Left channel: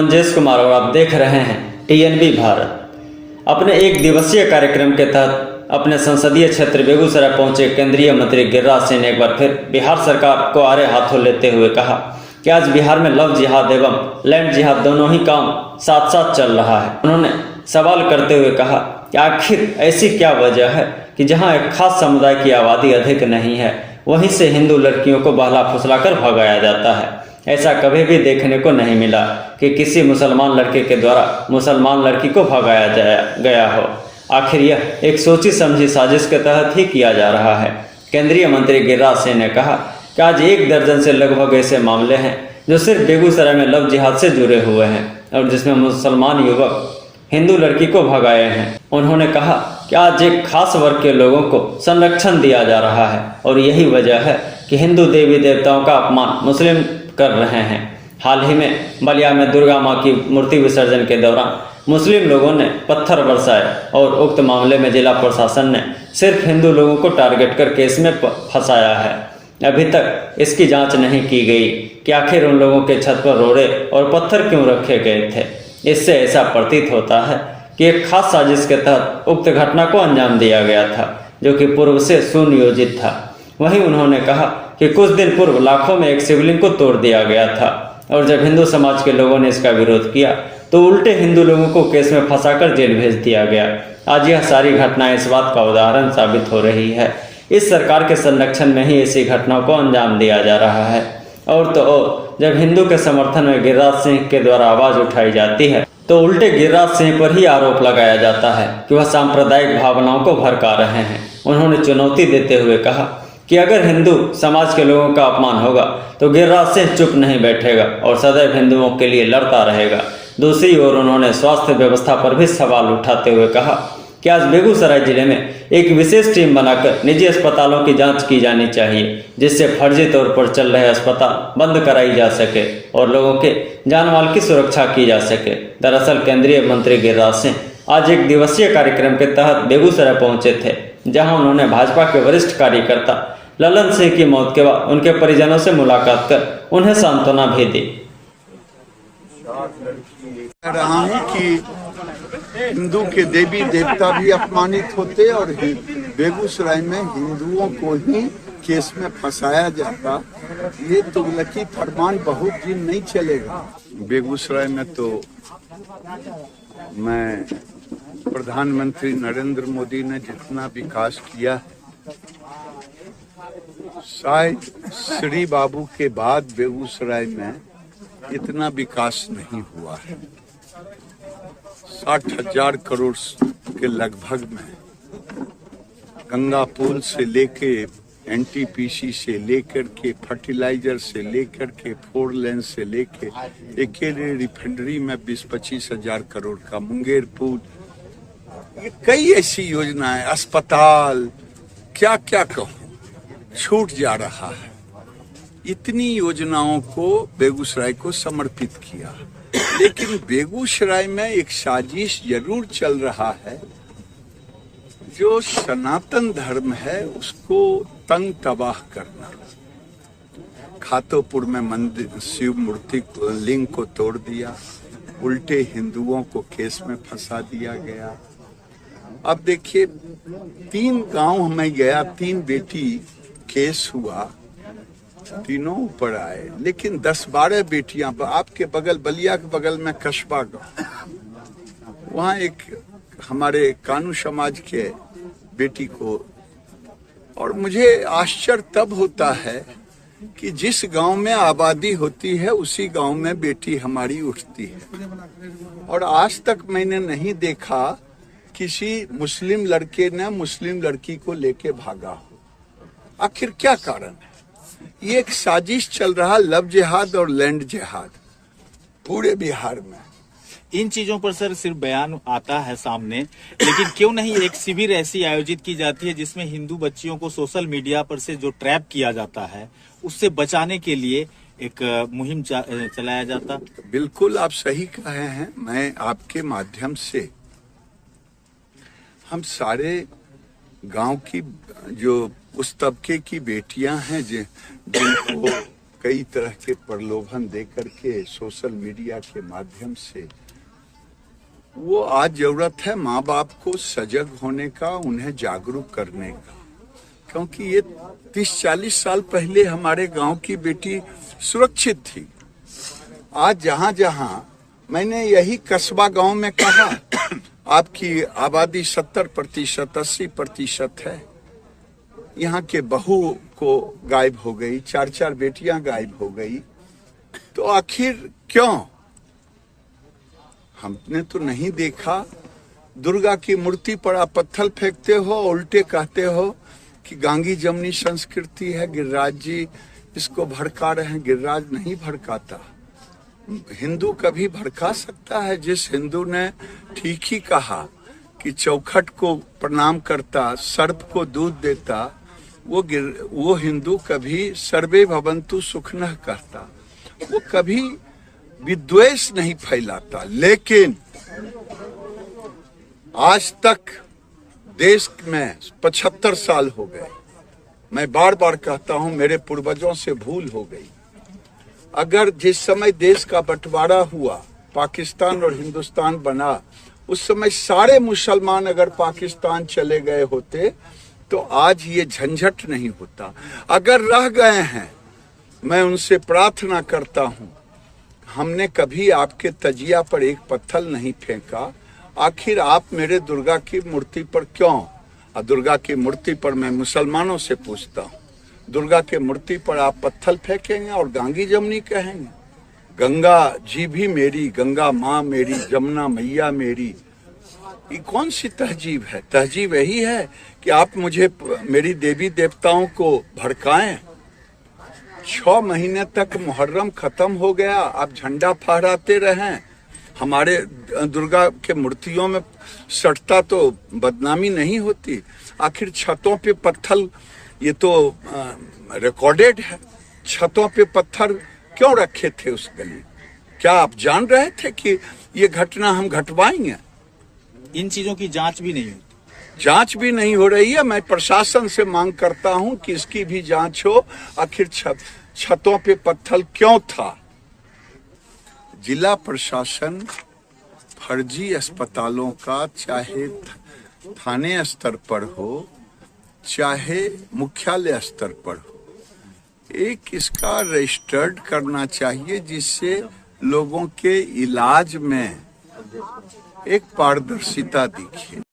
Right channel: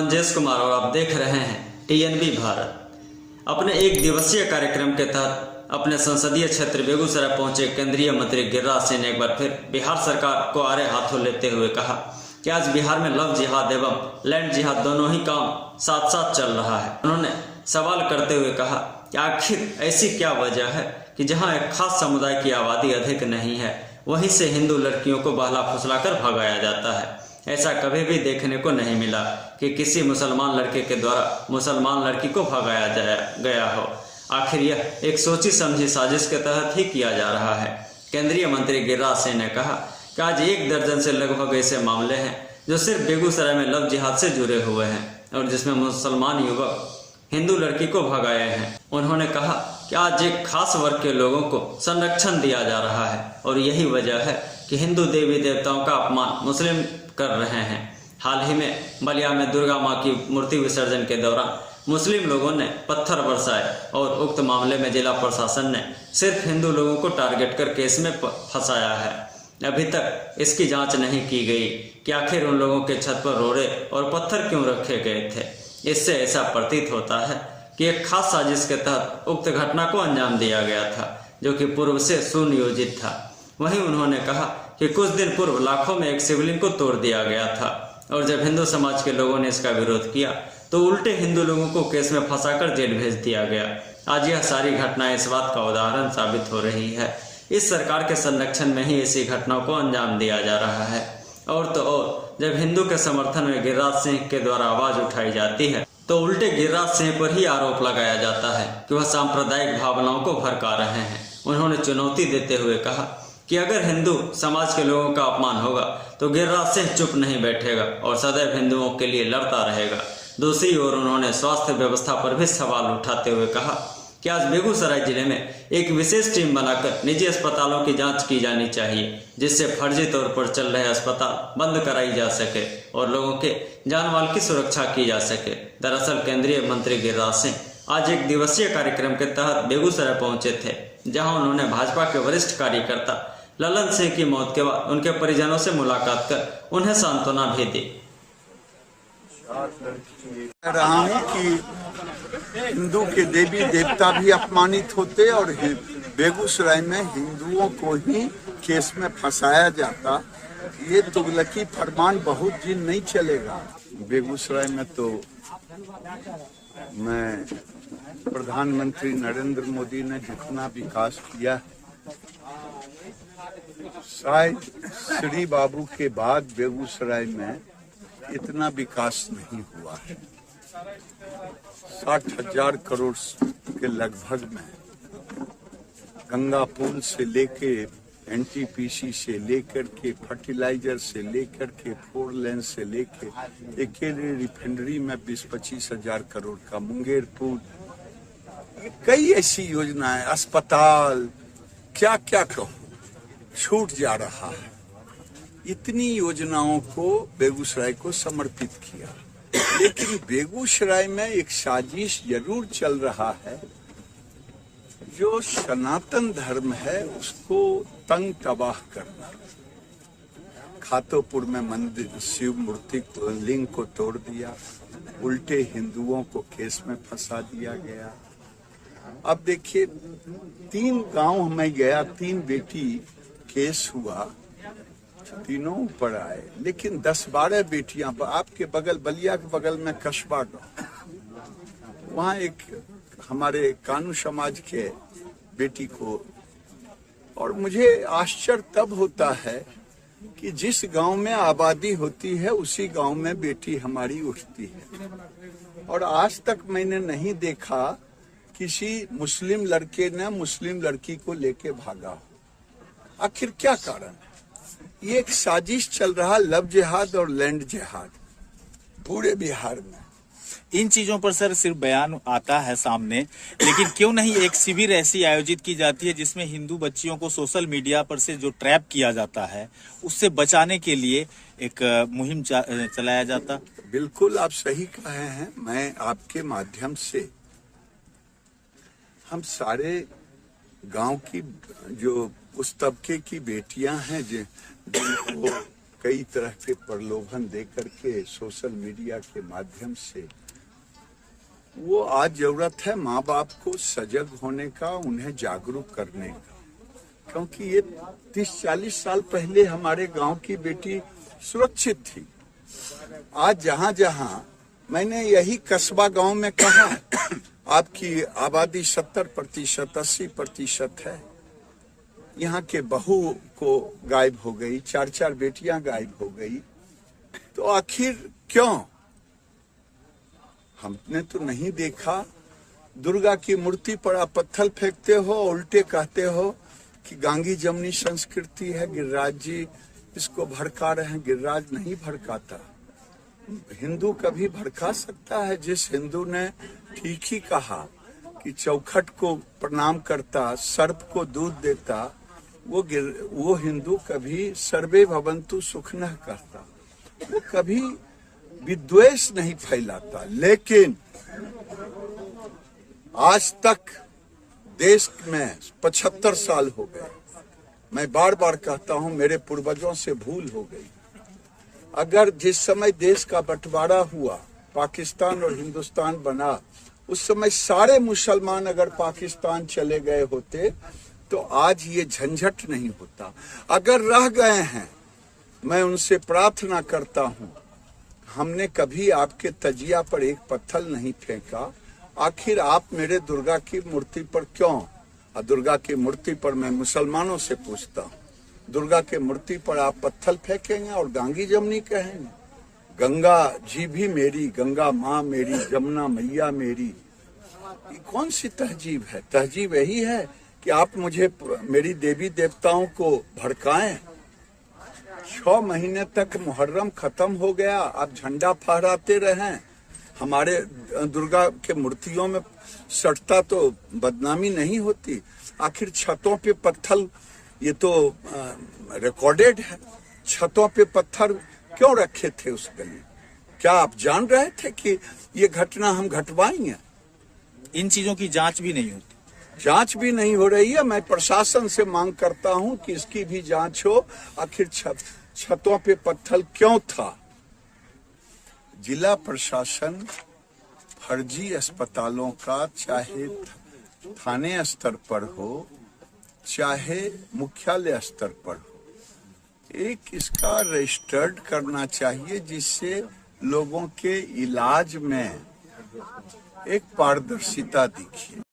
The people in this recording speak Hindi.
मंजेश कुमार और आप देख रहे हैं टीएनबी भारत। अपने एक दिवसीय कार्यक्रम के तहत अपने संसदीय क्षेत्र बेगूसराय पहुंचे केंद्रीय मंत्री गिरिराज सिंह ने एक बार फिर बिहार सरकार को आड़े हाथों लेते हुए कहा कि आज बिहार में लव जिहाद एवं लैंड जिहाद दोनों ही काम साथ साथ चल रहा है। उन्होंने सवाल करते हुए कहा कि आखिर ऐसी क्या वजह है कि जहां एक खास समुदाय की आबादी अधिक नहीं है वहीं से हिंदू लड़कियों को बहला फुसलाकर भगाया जाता है। ऐसा कभी भी देखने को नहीं मिला कि किसी मुसलमान लड़के के द्वारा मुसलमान लड़की को भगाया गया हो। आखिर यह एक सोची समझी साजिश के तहत ही किया जा रहा है। केंद्रीय मंत्री गिरिराज सिंह ने कहा कि आज 1 दर्जन से लगभग ऐसे मामले हैं जो सिर्फ बेगूसराय में लव जिहाद से जुड़े हुए हैं और जिसमें मुसलमान युवक हिंदू लड़की को भगाए हैं। उन्होंने कहा कि आज एक खास वर्ग के लोगों को संरक्षण दिया जा रहा है और यही वजह है कि हिंदू देवी देवताओं का अपमान मुस्लिम कर रहे हैं। हाल ही में बलिया में दुर्गा मां की मूर्ति विसर्जन के दौरान मुस्लिम लोगों ने पत्थर बरसाए और उक्त मामले में जिला प्रशासन ने सिर्फ हिंदू लोगों को टारगेट कर केस में फंसाया है। अभी तक इसकी जांच नहीं की गई कि आखिर उन लोगों के छत पर रोड़े और पत्थर क्यों रखे गए थे। इससे ऐसा प्रतीत होता है कि एक खास साजिश के तहत उक्त घटना को अंजाम दिया गया था जो कि पूर्व से सुनियोजित था। वहीं उन्होंने कहा कि कुछ दिन पूर्व लाखों में एक शिवलिंग को तोड़ दिया गया था और जब हिंदू समाज के लोगों ने इसका विरोध किया तो उल्टे हिंदू लोगों को केस में फंसाकर जेल भेज दिया गया। आज यह सारी घटनाएं इस बात का उदाहरण साबित हो रही है। इस सरकार के संरक्षण में ही ऐसी घटनाओं को अंजाम दिया जा रहा है। और तो और जब हिंदू के समर्थन में गिरिराज सिंह के द्वारा आवाज उठाई जाती है तो उल्टे गिरिराज सिंह पर ही आरोप लगाया जाता है कि वह सांप्रदायिक भावनाओं को भड़का रहे हैं। उन्होंने चुनौती देते हुए कहा कि अगर हिंदू समाज के लोगों का अपमान होगा तो गिरिराज सिंह चुप नहीं बैठेगा और सदैव हिंदुओं के लिए लड़ता रहेगा। दूसरी ओर उन्होंने स्वास्थ्य व्यवस्था पर भी सवाल उठाते हुए कहा कि आज बेगूसराय जिले में एक विशेष टीम बनाकर निजी अस्पतालों की जांच की जानी चाहिए जिससे फर्जी तौर पर चल रहे अस्पताल बंद कराई जा सके और लोगों के जान माल की सुरक्षा की जा सके। दरअसल केंद्रीय मंत्री गिरिराज सिंह आज एक दिवसीय कार्यक्रम के तहत बेगूसराय पहुंचे थे जहां उन्होंने भाजपा के वरिष्ठ कार्यकर्ता ललन सिंह की मौत के बाद उनके परिजनों से मुलाकात कर उन्हें सांत्वना भी दी। कह रहा हूँ कि हिंदू के देवी देवता भी अपमानित होते और बेगूसराय में हिंदुओं को ही केस में फंसाया जाता। ये तुगलकी फरमान बहुत दिन नहीं चलेगा। बेगूसराय में तो मैं प्रधानमंत्री नरेंद्र मोदी ने जितना विकास किया शायद श्री बाबू के बाद बेगूसराय में इतना विकास नहीं हुआ है। 60,000 करोड़ के लगभग में गंगा पुल से लेके एनटीपीसी से लेकर के फर्टिलाइजर से लेकर के 4 लेन से लेके अकेले रिफाइनरी में 20-25 हजार करोड़ का मुंगेर पुल, कई ऐसी योजनाएं, अस्पताल, क्या क्या कहूँ, छूट जा रहा है। इतनी योजनाओं को बेगूसराय को समर्पित किया, लेकिन बेगूसराय में एक साजिश जरूर चल रहा है। जो सनातन धर्म है उसको तंग तबाह करना। खातोपुर में मंदिर शिव मूर्ति लिंग को तोड़ दिया, उल्टे हिंदुओं को केस में फंसा दिया गया। अब देखिए 3 गांव में गया, 3 बेटी केस हुआ, तीनों ऊपर आए, लेकिन 10-12 बेटियां आपके बगल बलिया के बगल में कस्बा गांव, वहां एक हमारे कानू समाज के बेटी को, और मुझे आश्चर्य तब होता है कि जिस गांव में आबादी होती है उसी गांव में बेटी हमारी उठती है। और आज तक मैंने नहीं देखा किसी मुस्लिम लड़के ने मुस्लिम लड़की को लेके भागा हो। आखिर क्या कारण है? ये एक साजिश चल रहा, लव जिहाद और लैंड जिहाद पूरे बिहार में। इन चीजों पर सर सिर्फ बयान आता है सामने, लेकिन क्यों नहीं एक शिविर ऐसी आयोजित की जाती है जिसमें हिंदू बच्चियों को सोशल मीडिया पर से जो ट्रैप किया जाता है उससे बचाने के लिए एक मुहिम चलाया जाता। बिल्कुल आप सही कहे हैं। मैं आपके माध्यम से हम सारे गांव की जो उस तबके की बेटियां हैं जिनको कई तरह के प्रलोभन दे करके सोशल मीडिया के माध्यम से, वो आज जरूरत है माँ बाप को सजग होने का, उन्हें जागरूक करने का। क्योंकि ये 30-40 साल पहले हमारे गांव की बेटी सुरक्षित थी। आज जहां जहां मैंने यही कस्बा गांव में कहा, आपकी आबादी 70%, 80% है। यहाँ के बहू को गायब हो गई, 4-4 बेटियां गायब हो गई। तो आखिर क्यों? हमने तो नहीं देखा। दुर्गा की मूर्ति पर आप पत्थर फेंकते हो, उल्टे कहते हो कि गांगी जमनी संस्कृति है, गिरिराज जी इसको भड़का रहे हैं। गिरिराज नहीं भड़काता। हिंदू कभी भड़का सकता है? जिस हिंदू ने ठीक ही कहा कि चौखट को प्रणाम करता, सर्प को दूध देता, वो हिंदू कभी सर्वे भवन्तु सुखनः कहता, वो कभी विद्वेष नहीं फैलाता। लेकिन आज तक देश में 75 साल हो गए, मैं बार बार कहता हूं मेरे पूर्वजों से भूल हो गई। अगर जिस समय देश का बंटवारा हुआ, पाकिस्तान और हिंदुस्तान बना, उस समय सारे मुसलमान अगर पाकिस्तान चले गए होते तो आज ये झंझट नहीं होता। अगर रह गए हैं, मैं उनसे प्रार्थना करता हूं, हमने कभी आपके तजिया पर एक पत्थर नहीं फेंका। आखिर आप मेरे दुर्गा की मूर्ति पर क्यों? दुर्गा की मूर्ति पर मैं मुसलमानों से पूछता हूँ, दुर्गा के मूर्ति पर आप पत्थर फेंकेंगे और गांगी जमनी कहेंगे? गंगा जी भी मेरी, गंगा माँ मेरी, जमुना मैया मेरी। ये कौन सी तहजीब है? तहजीब यही है कि आप मुझे, मेरी देवी देवताओं को भड़काएं। 6 महीने तक मुहर्रम खत्म हो गया, आप झंडा फहराते रहें। हमारे दुर्गा के मूर्तियों में सटता तो बदनामी नहीं होती। आखिर छतों पे पत्थर, ये तो रिकॉर्डेड है, छतों पे पत्थर क्यों रखे थे उस गली? क्या आप जान रहे थे कि ये घटना हम घटवाएंगे? इन चीजों की जांच भी नहीं होती। जांच भी नहीं हो रही है। मैं प्रशासन से मांग करता हूं कि इसकी भी जांच हो। आखिर छतों पे पत्थर क्यों था? जिला प्रशासन फर्जी अस्पतालों का, चाहे थाने स्तर पर हो, चाहे मुख्यालय स्तर पर हो, एक इसका रजिस्टर्ड करना चाहिए, जिससे लोगों के इलाज में एक पारदर्शिता दिखे।